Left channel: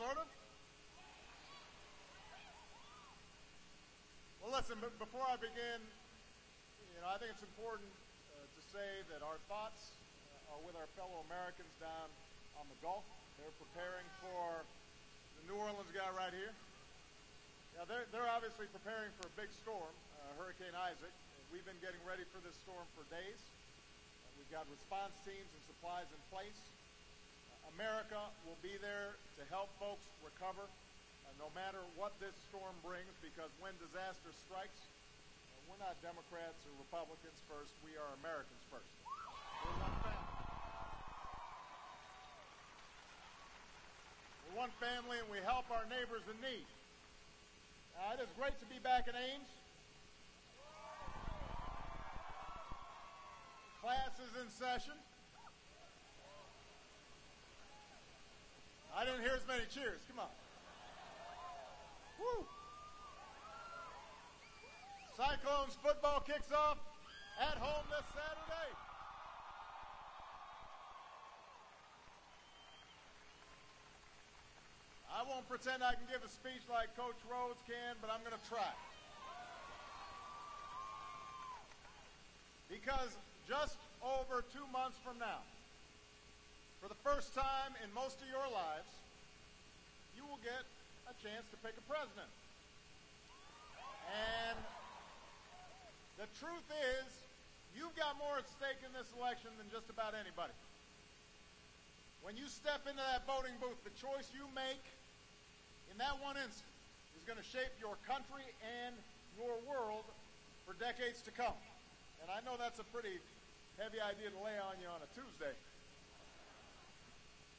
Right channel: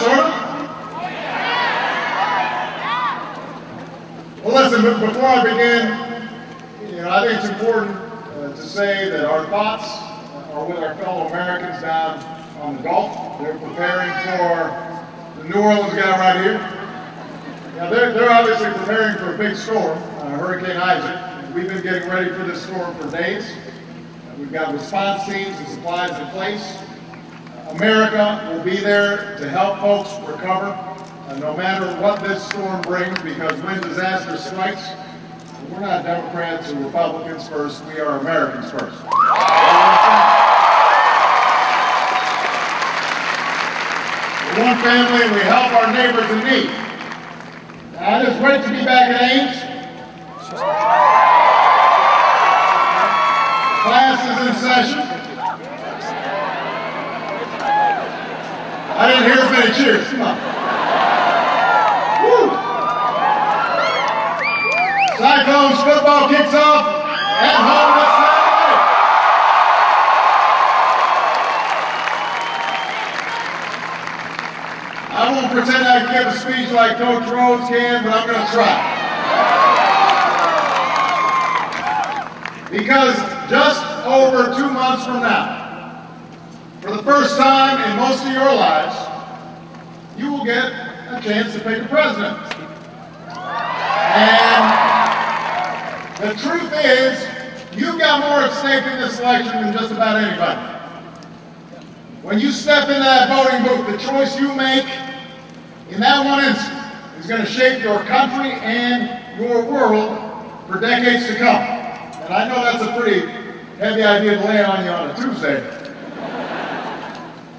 sort of. Well, listen, before I begin, I think it's important to say that our thoughts are with our fellow Americans down on the Gulf. They're preparing for the New Orleans guy right here. They're obviously preparing for a big storm, Hurricane Isaac. We've been getting ready for this storm for days. We've got response teams and supplies in place. America will be there to help folks recover, no matter what this storm brings, because when disaster strikes, we're not Democrats or Republicans first, we are Americans first. We're one family and we help our neighbors in need. It is great to be back at Ames. Class is in session. I didn't hear as many cheers. Come on. Woo! Cyclones football kicks off at home this Saturday. I won't pretend I can give a speech like Coach Rhodes can, but I'm going to try. Because just over 2 months from now, for the first time in most of your lives, you will get a chance to pick a president. And the truth is, you've got more at stake in this election than just about anybody. When you step into that voting booth, the choice you make in that one instant is going to shape your country and your world for decades to come. And I know that's a pretty heavy idea to lay on you on a Tuesday.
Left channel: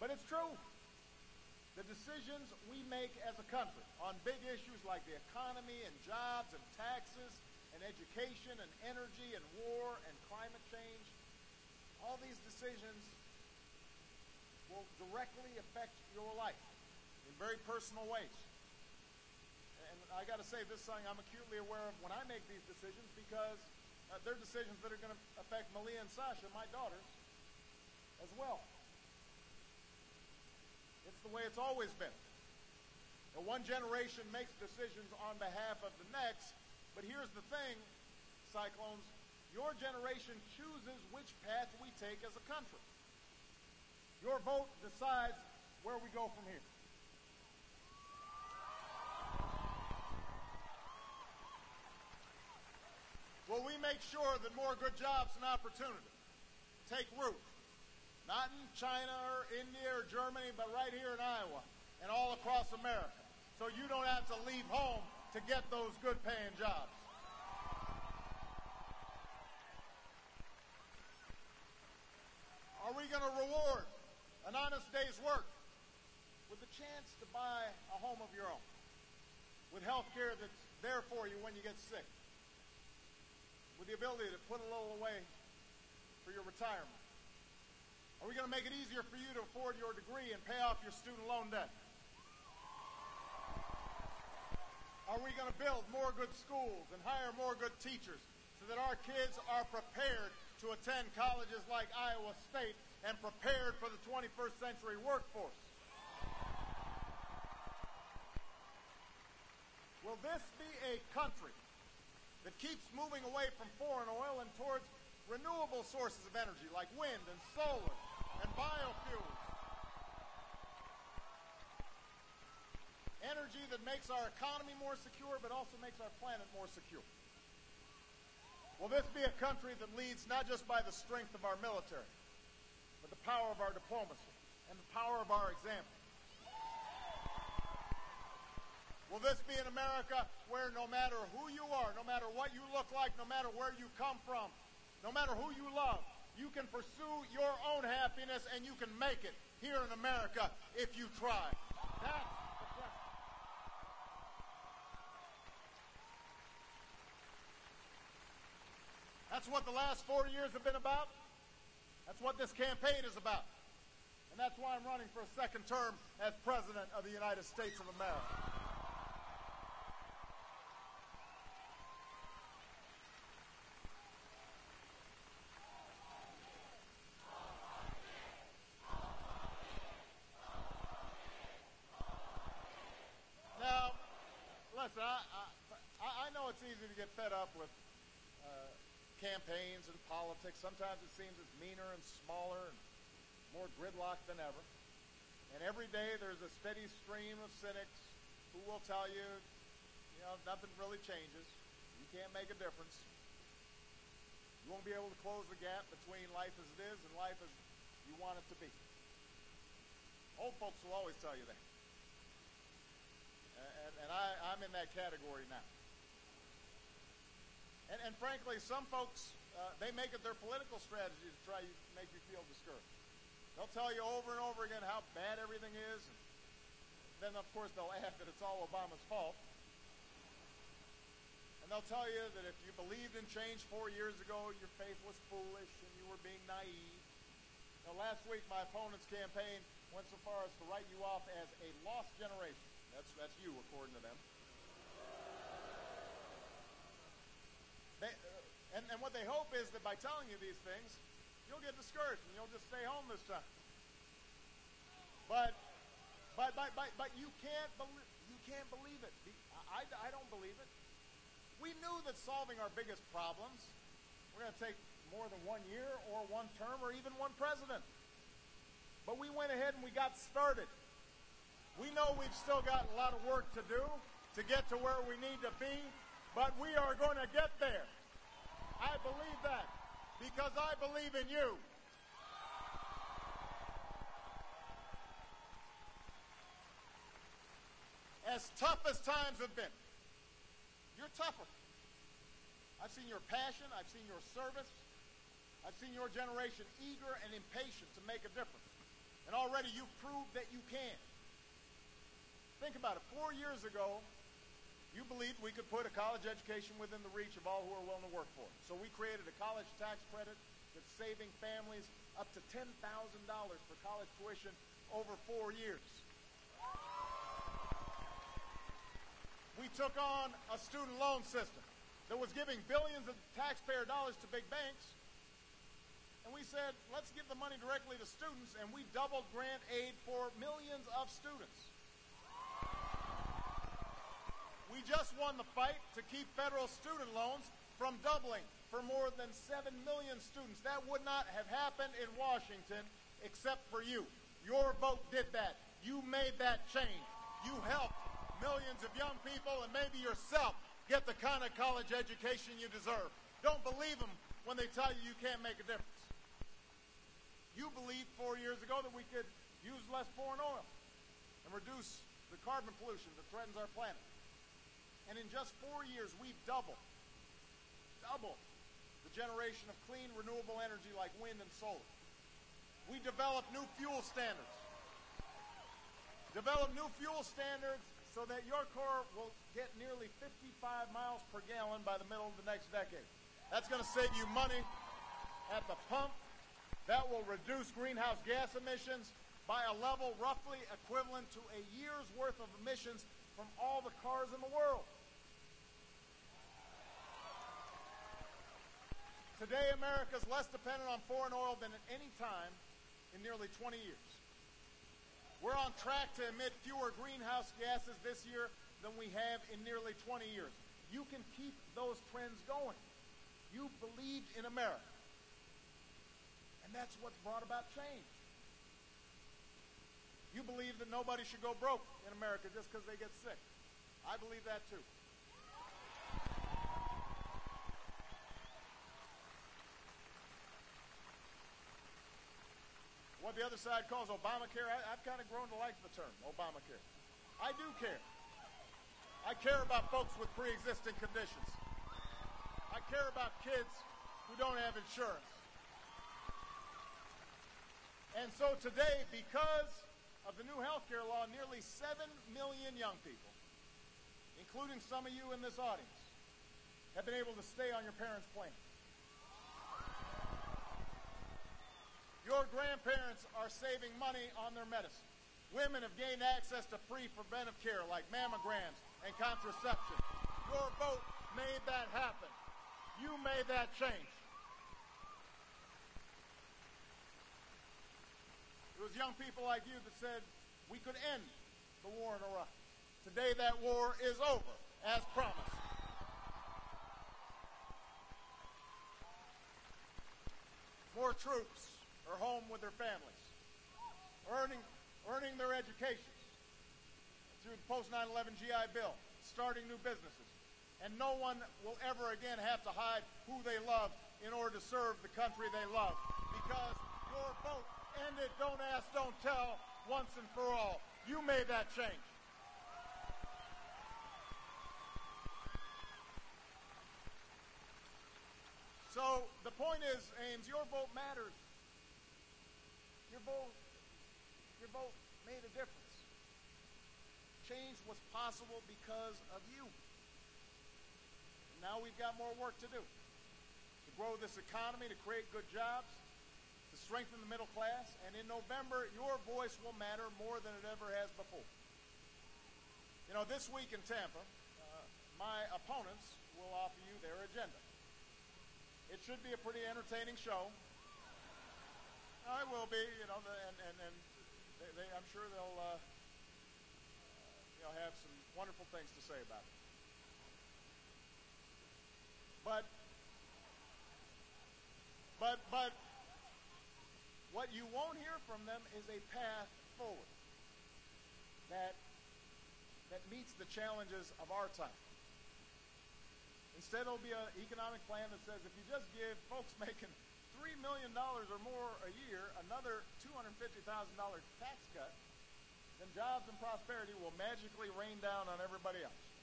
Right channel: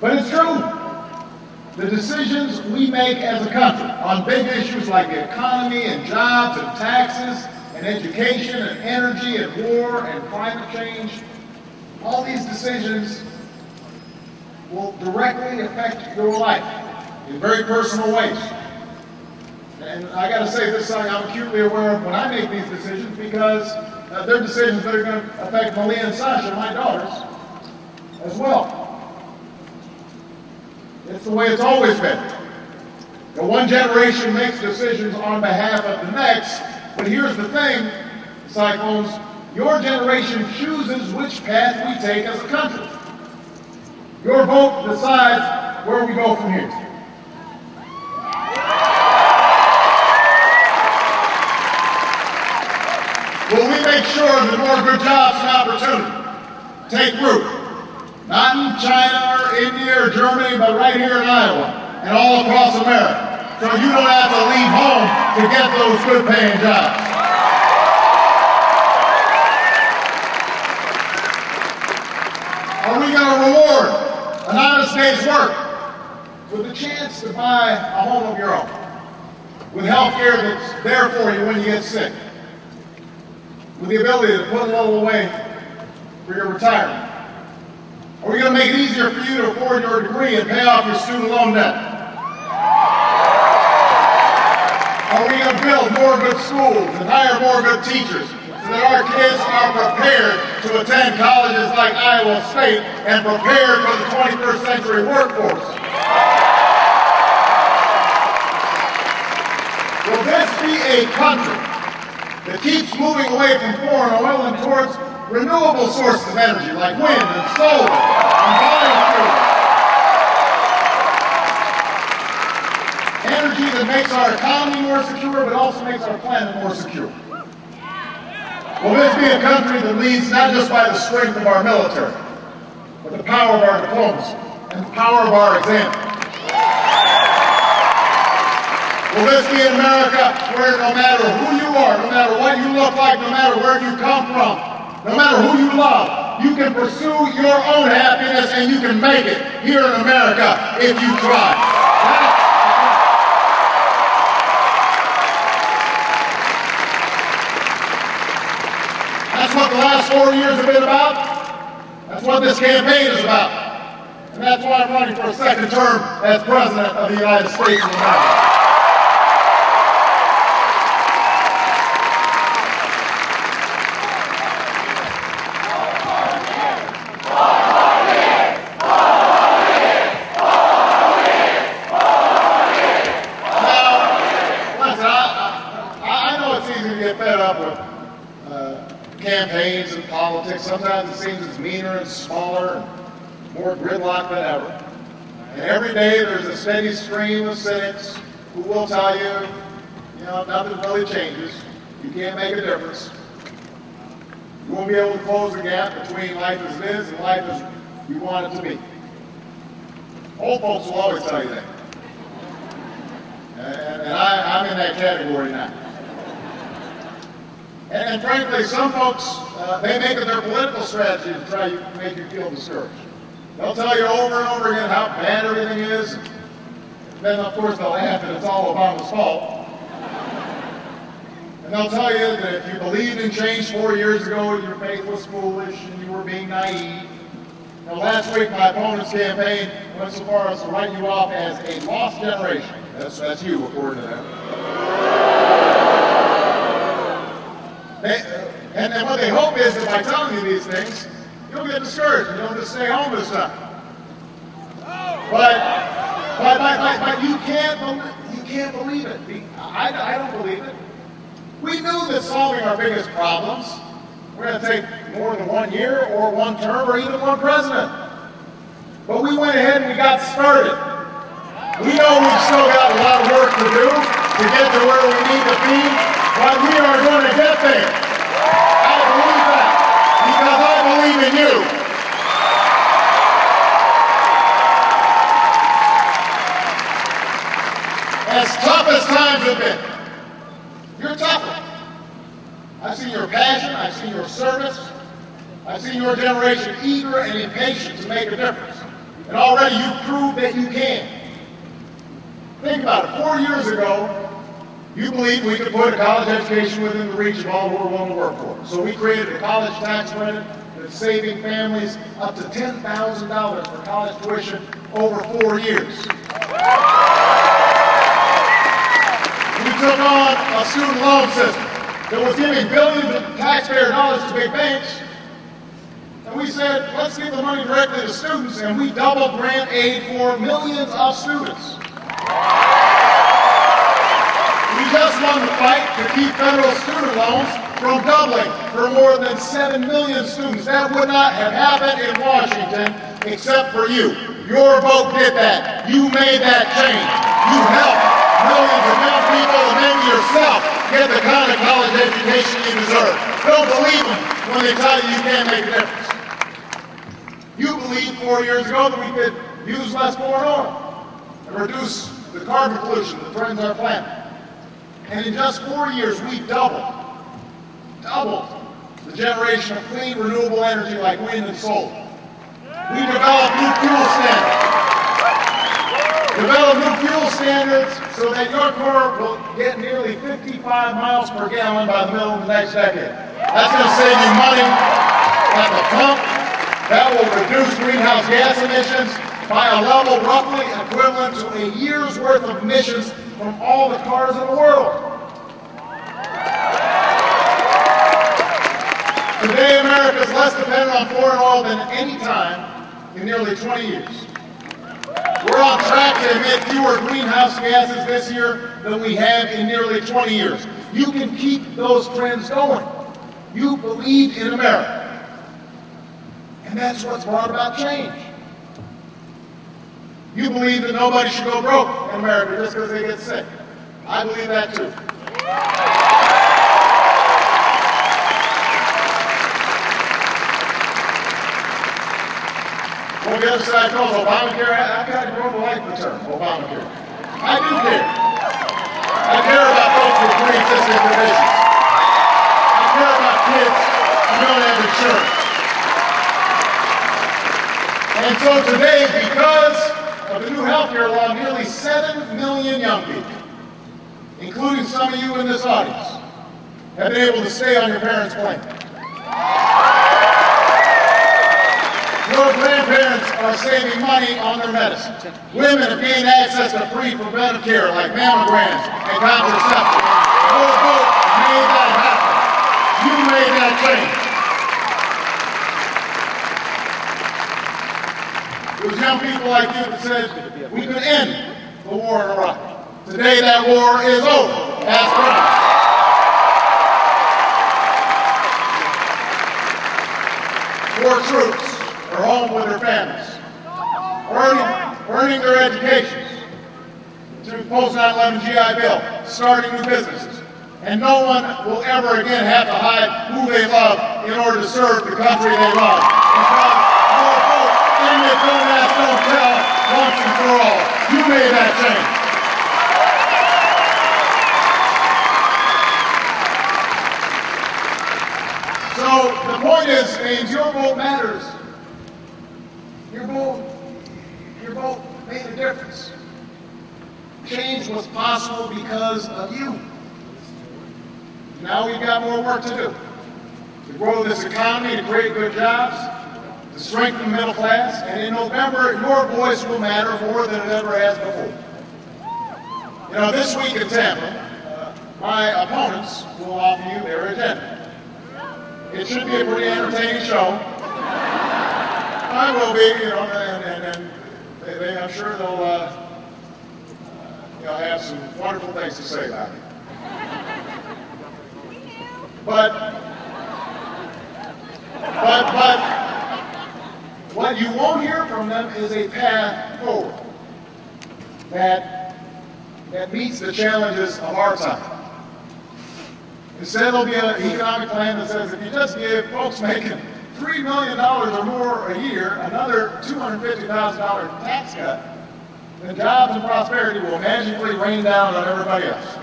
But it's true. The decisions we make as a country on big issues like the economy and jobs and taxes and education and energy and war and climate change, all these decisions will directly affect your life in very personal ways. And I got to say, this is something I'm acutely aware of when I make these decisions, because they're decisions that are going to affect Malia and Sasha, my daughters, as well. It's the way it's always been. One generation makes decisions on behalf of the next, but here's the thing, Cyclones, your generation chooses which path we take as a country. Your vote decides where we go from here. Will we make sure that more good jobs and opportunity take root? Not in China or India or Germany, but right here in Iowa and all across America. So you don't have to leave home to get those good paying jobs. Are we going to reward an honest day's work with a chance to buy a home of your own? With health care that's there for you when you get sick? With the ability to put a little away for your retirement? Are we going to make it easier for you to afford your degree and pay off your student loan debt? Are we going to build more good schools and hire more good teachers so that our kids are prepared to attend colleges like Iowa State and prepared for the 21st century workforce? Will this be a country that keeps moving away from foreign oil and towards renewable sources of energy like wind and solar and biofuel? Energy that makes our economy more secure, but also makes our planet more secure. Will this be a country that leads not just by the strength of our military, but the power of our diplomacy and the power of our example? Will this be an America where no matter who you are, no matter what you look like, no matter where you come from, no matter who you love, you can pursue your own happiness and you can make it here in America if you try? That's what the last 4 years have been about. That's what this campaign is about. And that's why I'm running for a second term as President of the United States of America. sometimes it seems it's meaner and smaller, and more gridlocked than ever. And every day there's a steady stream of cynics who will tell you, nothing really changes. You can't make a difference. You won't be able to close the gap between life as it is and life as you want it to be. Old folks will always tell you that. And I'm in that category now. And frankly, some folks, they make it their political strategy to try to make you feel discouraged. They'll tell you over and over again how bad everything is. And then, of course, they'll laugh and it's all Obama's fault. And they'll tell you that if you believed in change 4 years ago, your faith was foolish and you were being naive. Now, last week, my opponent's campaign went so far as to write you off as a lost generation. That's you, according to them. And what they hope is that by telling you these things, you'll get discouraged and you'll just stay home this time. But you can't believe it. I don't believe it. We knew that solving our biggest problems were going to take more than 1 year or one term or even one president. But we went ahead and we got started. We know we've still got a lot of work to do to get to where we need to be, but we are going to get there. I believe that because I believe in you. As tough as times have been, you're tougher. I've seen your passion, I've seen your service, I've seen your generation eager and impatient to make a difference. And already you've proved that you can. Think about it. 4 years ago, you believed we could put a college education within the reach of all who are willing to work for it. So we created a college tax credit that's saving families up to $10,000 for college tuition over 4 years. We took on a student loan system that was giving billions of taxpayer dollars to big banks. And we said, let's give the money directly to students, and we doubled grant aid for millions of students. We just won the fight to keep federal student loans from doubling for more than 7 million students. That would not have happened in Washington except for you. Your vote did that. You made that change. You helped millions of young people and then yourself get the kind of college education you deserve. Don't believe them when they tell you you can't make a difference. You believed 4 years ago that we could use less foreign oil and reduce the carbon pollution that threatens our planet. And in just 4 years, we doubled the generation of clean, renewable energy like wind and solar. We developed new fuel standards so that your car will get nearly 55 miles per gallon by the middle of the next decade. That's going to save you money at the pump. That will reduce greenhouse gas emissions by a level roughly equivalent to a year's worth of emissions from all the cars in the world. Today, America is less dependent on foreign oil than any time in nearly 20 years. We're on track to emit fewer greenhouse gases this year than we have in nearly 20 years. You can keep those trends going. You believe in America. And that's what's brought about change. You believe that nobody should go broke in America just because they get sick. I believe that too. Well, the other side calls Obamacare. I've got to grow to like the term Obamacare. I do care. I care about folks with pre-existing conditions. I care about kids who don't have insurance. And so today, because of the new health care law, nearly 7 million young people, including some of you in this audience, have been able to stay on your parents' plan. Your grandparents are saving money on their medicine. Women have gained access to free preventive care like mammograms and contraception. Your vote made that happen. You made that change. It was young people like you that said we could end the war in Iraq. Today that war is over, as promised. poor troops are home with their families, earning their educations through post 9/11 GI Bill, starting new businesses. And no one will ever again have to hide who they love in order to serve the country they love. Because more folks in the don't ask, don't tell, once and for all. You made that change. So the point is, Ames, your vote matters. Your vote made a difference. Change was possible because of you. Now we've got more work to do. To grow this economy, to create good jobs, to strengthen the middle class, and in November, your voice will matter more than it ever has before. You know, this week in Tampa, my opponents will offer you their agenda. It should be a pretty entertaining show. I will be, you know, and I'm sure they'll have some wonderful things to say about it. But what you won't hear from them is a path forward that meets the challenges of our time. Instead, there'll be an economic plan that says if you just give folks making $3 million or more a year another $250,000 tax cut, then jobs and prosperity will magically rain down on everybody else.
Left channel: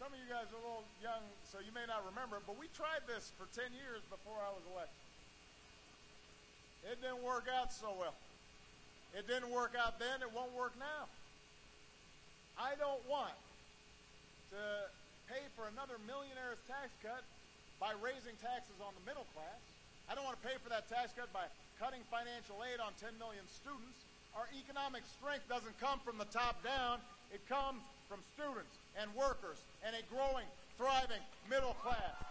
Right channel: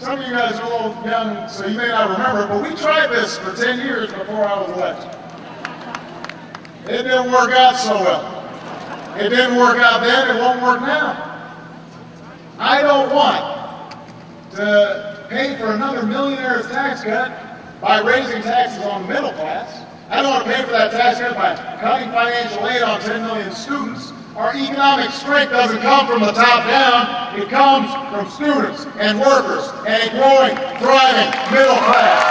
Some of you guys are a little young, so you may not remember, but we tried this for 10 years before I was elected. It didn't work out so well. It didn't work out then, it won't work now. I don't want to pay for another millionaire's tax cut by raising taxes on the middle class. I don't want to pay for that tax cut by cutting financial aid on 10 million students. Our economic strength doesn't come from the top down. It comes from students and workers and a growing, thriving middle class.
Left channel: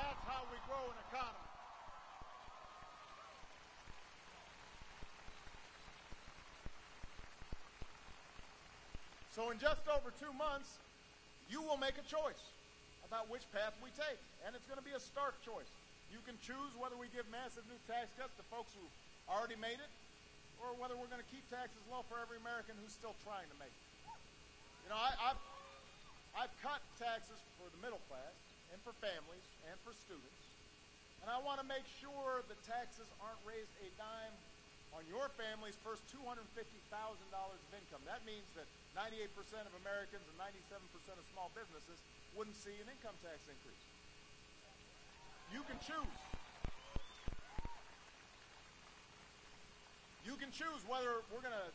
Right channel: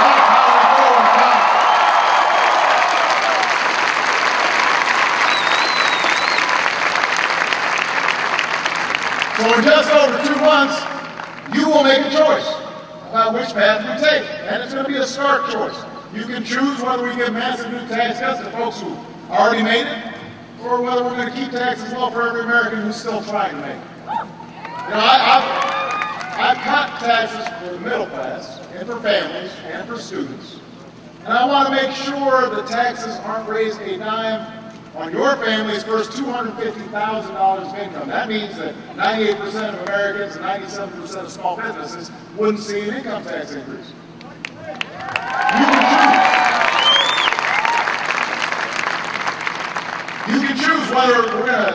That's how we grow in Congress. So in just over 2 months, you will make a choice about which path we take. And it's going to be a stark choice. You can choose whether we give massive new tax cuts to folks who already made it, or whether we're going to keep taxes low for every American who's still trying to make it. You know, I've cut taxes for the middle class, and for families, and for students. And I want to make sure the taxes aren't raised a dime on your family's first $250,000 of income. That means that 98% of Americans and 97% of small businesses wouldn't see an income tax increase. You can choose whether we're going to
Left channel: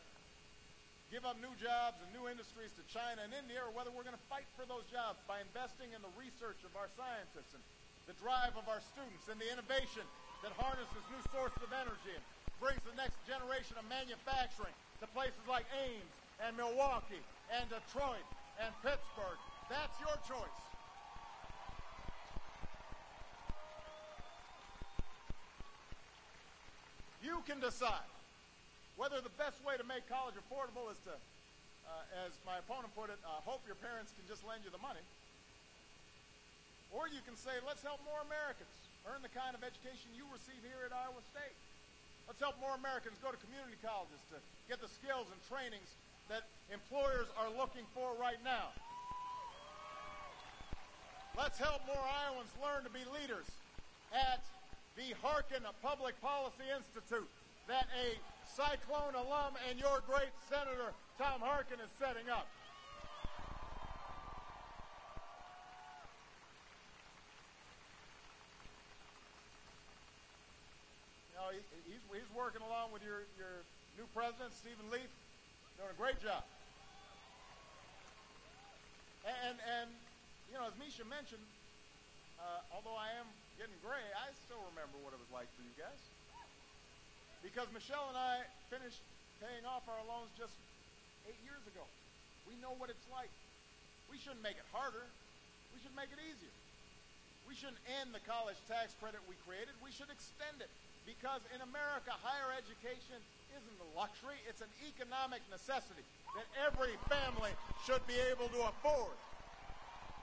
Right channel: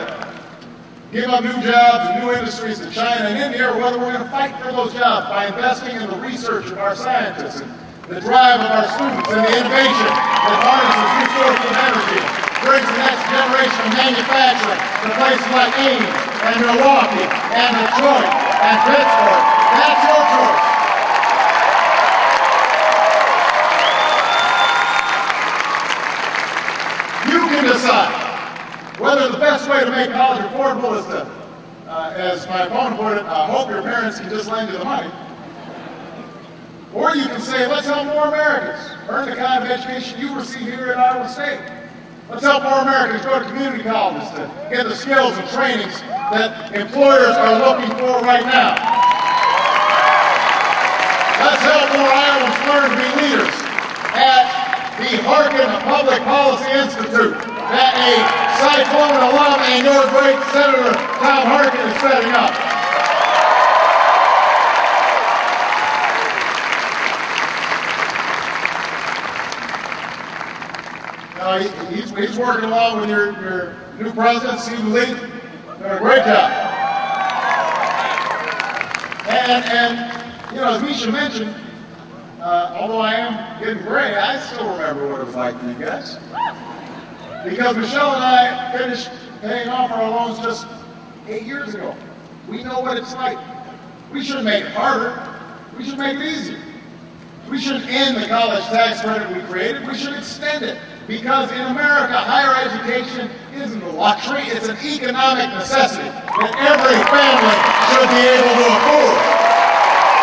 give up new jobs and new industries to China and India, or whether we're going to fight for those jobs by investing in the research of our scientists and the drive of our students and the innovation that harnesses new sources of energy, brings the next generation of manufacturing to places like Ames and Milwaukee and Detroit and Pittsburgh. That's your choice. You can decide whether the best way to make college affordable is to, as my opponent put it, hope your parents can just lend you the money. Or you can say, let's help more Americans earn the kind of education you receive here at Iowa State. Let's help more Americans go to community colleges to get the skills and trainings that employers are looking for right now. Let's help more Iowans learn to be leaders at the Harkin Public Policy Institute that a Cyclone alum and your great Senator Tom Harkin is setting up. He's working along with your new president, Steve Lee. Doing a great job. And you know, as Misha mentioned, although I am getting gray, I still remember what it was like for you guys. Because Michelle and I finished paying off our loans just 8 years ago. We know what it's like. We shouldn't make it harder. We should make it easier. We shouldn't end the college tax credit we created. We should extend it. Because in America, higher education isn't a luxury, it's an economic necessity that every family should be able to afford.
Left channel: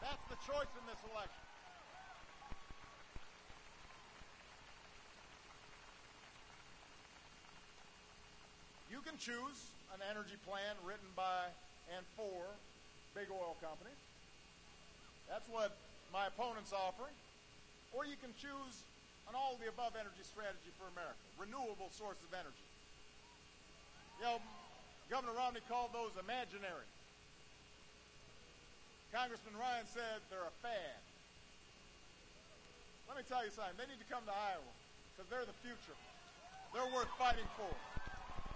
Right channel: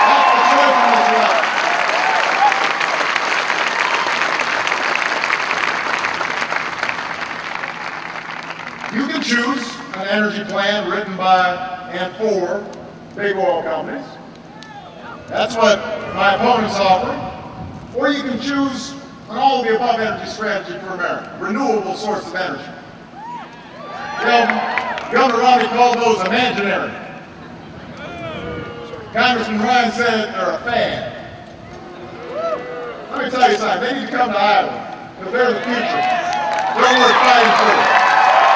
That's the choice in this life. You can choose an energy plan written by and for big oil companies. That's what my opponent's offering. Or you can choose an all-of-the-above energy strategy for America, renewable source of energy. Governor Romney called those imaginary. Congressman Ryan said they're a fad. Let me tell you something, they need to come to Iowa, because they're the future. They're worth fighting for.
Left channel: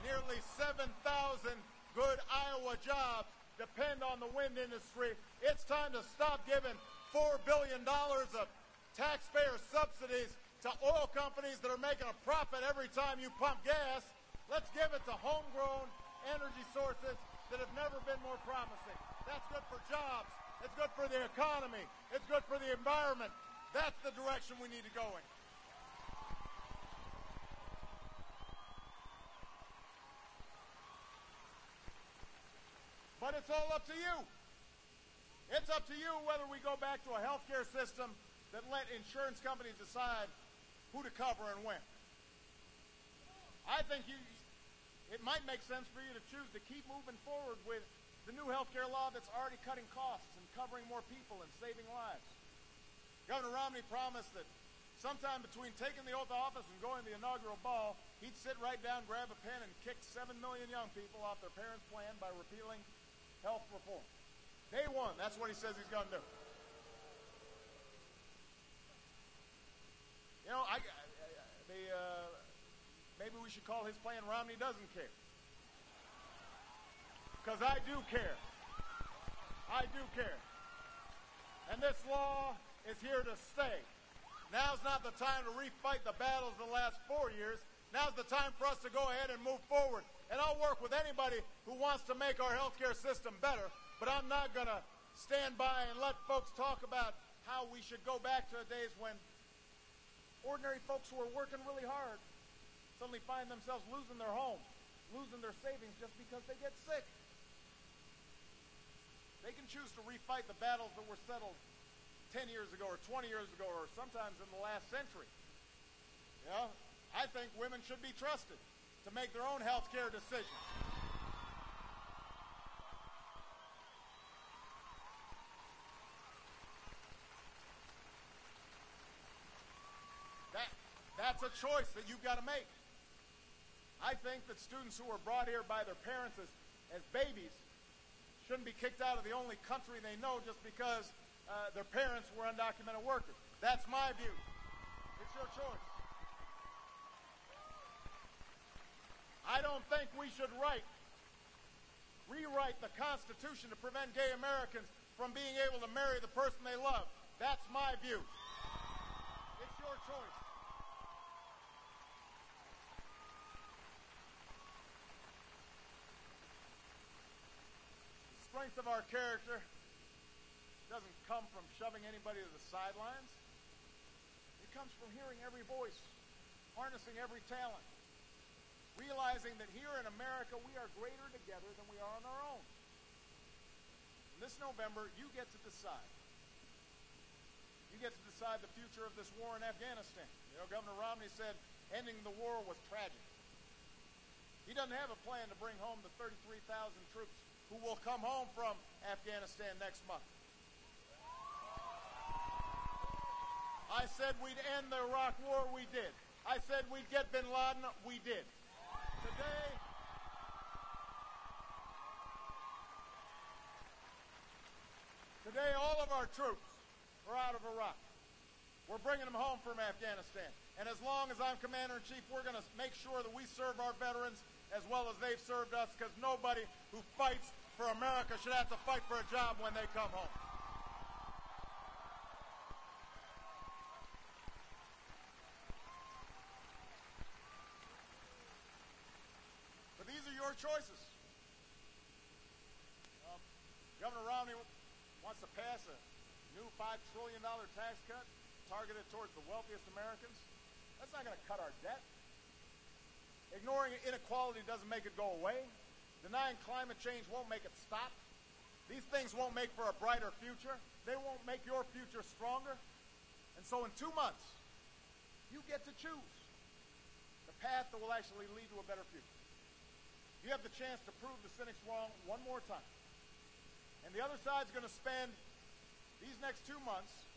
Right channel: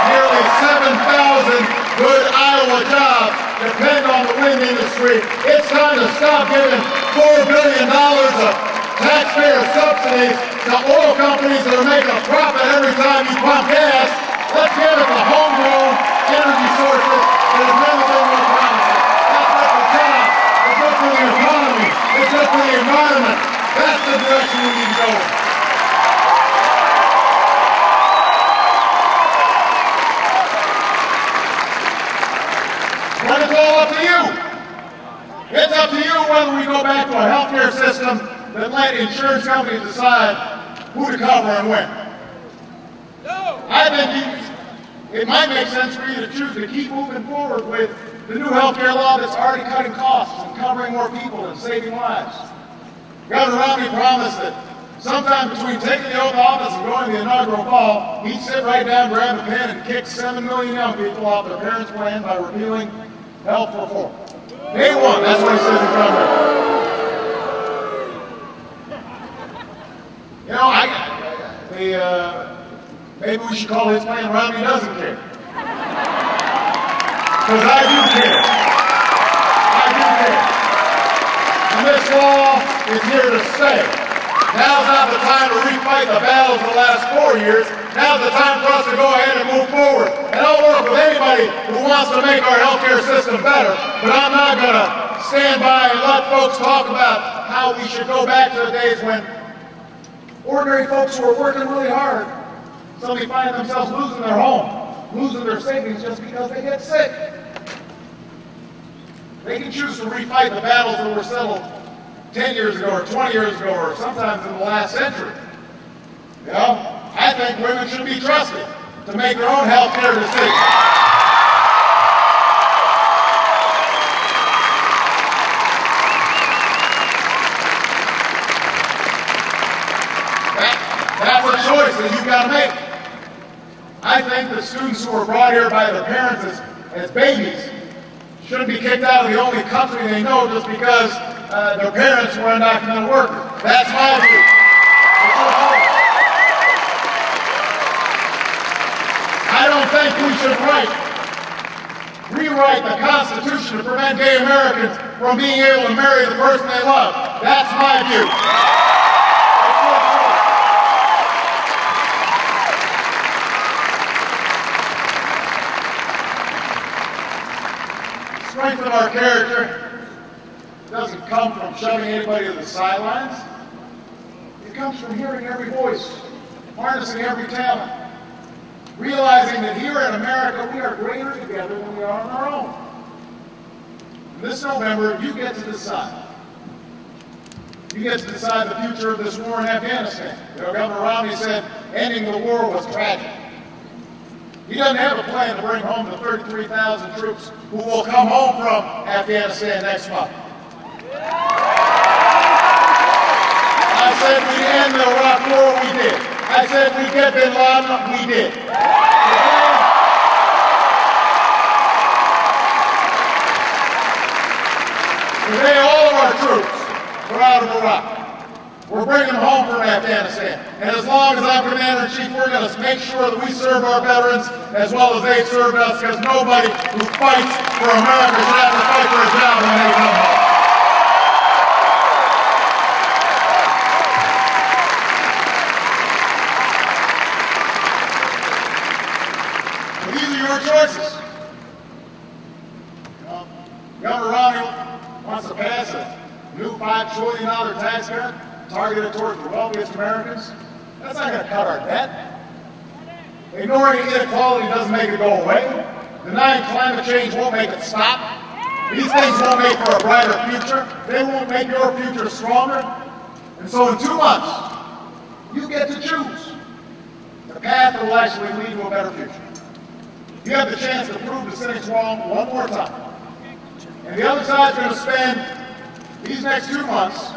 Nearly 7,000 good Iowa jobs depend on the wind industry. It's time to stop giving $4 billion of taxpayer subsidies to oil companies that are making a profit every time you pump gas. Let's give it to homegrown energy sources that have never been more promising. That's good for jobs, it's good for the economy, it's good for the environment. That's the direction we need to go. But it's all up to you. It's up to you whether we go back to a healthcare system that let insurance companies decide who to cover and when. I think it might make sense for you to choose to keep moving forward with the new healthcare law that's already cutting costs and covering more people and saving lives. Governor Romney promised that sometime between taking the oath of office and going to the inaugural ball, he'd sit right down, grab a pen, and kick 7 million young people off their parents' plan by repealing health reform. Day one, that's what he says in Congress. You know, maybe we should call his plan Romney Doesn't Care. Because I do care. I do care. And this law is here to stay. Now's not the time to refight the battles of the last 4 years. Now's the time for us to go ahead and move forward. And I'll work with anybody who wants to make our healthcare system better, but I'm not going to stand by and let folks talk about how we should go back to the days when ordinary folks who are working really hard suddenly find themselves losing their home, losing their savings just because they get sick. They can choose to refight the battles that were settled 10 years ago or 20 years ago or sometimes in the last century. You know, I think women should be trusted to make their own health care decisions. That's a choice that you've got to make. I think that students who were brought here by their parents as babies shouldn't be kicked out of the only country they know just because their parents were undocumented workers. That's my view. I don't think we should rewrite the Constitution to prevent gay Americans from being able to marry the person they love. That's my view. Strength of our character doesn't come from shoving anybody to the sidelines. It comes from hearing every voice, harnessing every talent, realizing that here in America we are greater together than we are on our own. And this November, you get to decide. You get to decide the future of this war in Afghanistan. You know, Governor Romney said ending the war was tragic. He doesn't have a plan to bring home the 33,000 troops who will come home from Afghanistan next month. I said we end the Iraq war, we did. I said we get bin Laden, we did. Today all of our troops are out of Iraq. We're bringing them home from Afghanistan. And as long as I'm Commander-in-Chief, we're going to make sure that we serve our veterans as well as they served us, because nobody who fights for America should have to fight for a job when they come home. But these are your choices. Governor Romney wants to pass a new $5 trillion tax cut targeted towards the wealthiest Americans. That's not going to cut our debt. Ignoring inequality doesn't make it go away. Denying climate change won't make it stop. These things won't make for a brighter future. They won't make your future stronger. And so in 2 months, you get to choose the path that will actually lead to a better future. You have the chance to prove the cynics wrong one more time. And the other side's going to spend these next 2 months,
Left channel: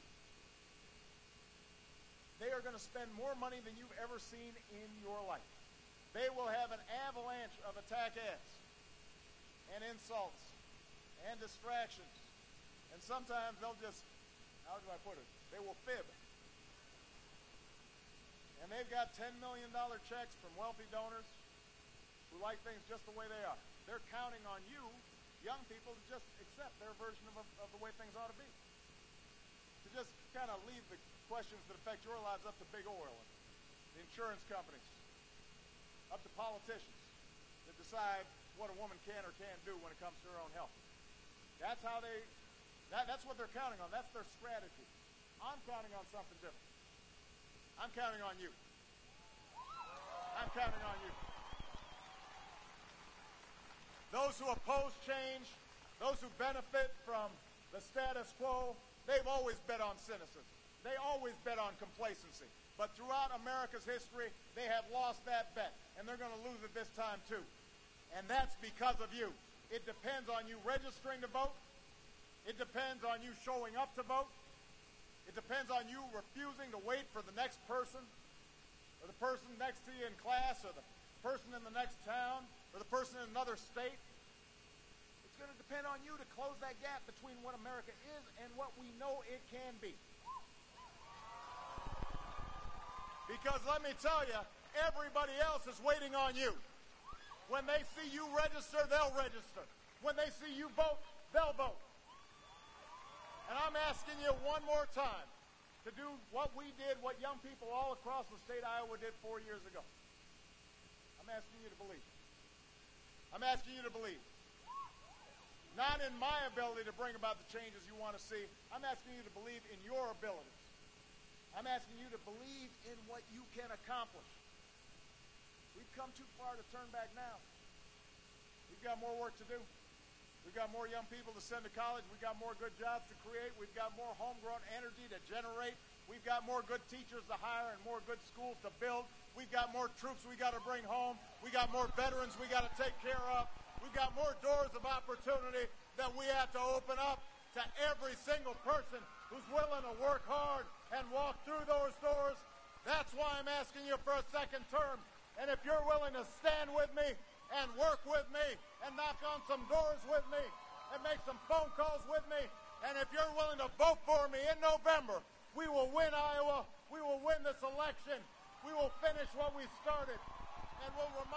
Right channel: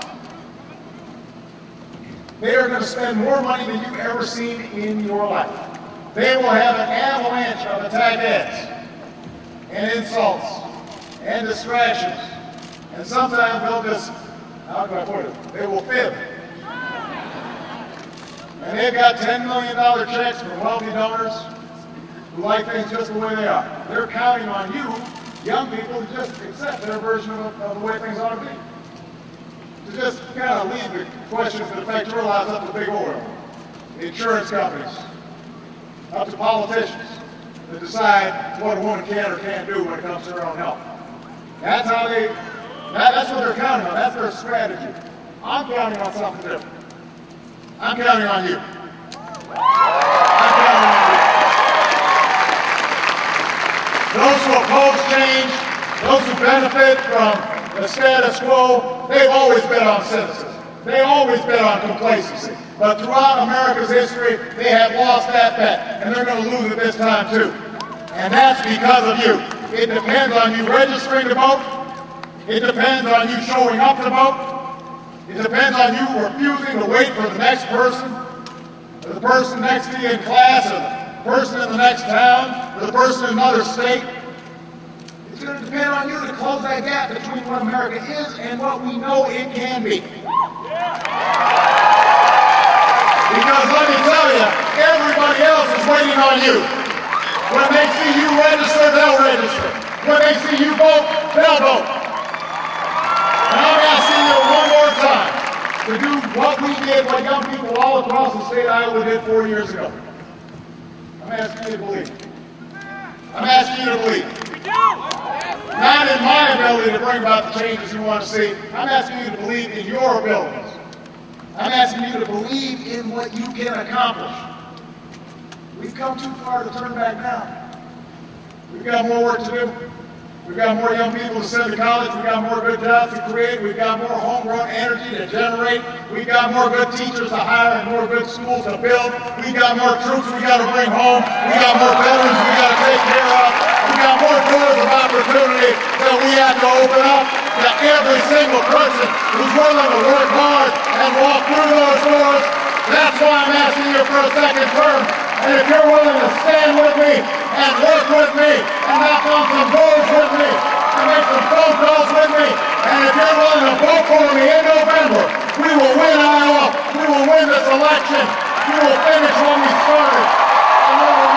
they are going to spend more money than you've ever seen in your life. They will have an avalanche of attack ads and insults and distractions. And sometimes they'll just, how do I put it? They will fib. And they've got $10 million checks from wealthy donors who like things just the way they are. They're counting on you, young people, to just accept their version of the way things ought to be. To just kind of leave the questions that affect your lives up to big oil, the insurance companies, up to politicians that decide what a woman can or can't do when it comes to her own health. That's how that's what they're counting on. That's their strategy. I'm counting on something different. I'm counting on you. I'm counting on you. Those who oppose change, those who benefit from the status quo, they've always bet on cynicism. They always bet on complacency. But throughout America's history, they have lost that bet, and they're going to lose it this time too. And that's because of you. It depends on you registering to vote. It depends on you showing up to vote. It depends on you refusing to wait for the next person, or the person next to you in class, or the person in the next town, or the person in another state. It's going to depend on you to close that gap between what America is and what we know it can be. Because let me tell you, everybody else is waiting on you. When they see you register, they'll register. When they see you vote, they'll vote. And I'm asking you one more time to do what we did, what young people all across the state of Iowa did 4 years ago. I'm asking you to believe. I'm asking you to believe. Not in my ability to bring about the changes you want to see. I'm asking you to believe in your abilities. I'm asking you to believe in what you can accomplish. We've come too far to turn back now. We've got more work to do. We've got more young people to send to college. We've got more good jobs to create. We've got more homegrown energy to generate. We've got more good teachers to hire and more good schools to build. We've got more troops we got to bring home. We got more veterans we got to take care of. We got more doors of opportunity that we have to open up to every single person who's willing to work hard and walk through those doors. That's why I'm asking you for a second term. And if you're willing to stand with me and work with me and knock on some doors with me and make some phone calls with me, and if you're willing to vote for me in November, we will win Iowa. We will win this election. We will finish when we started. And we will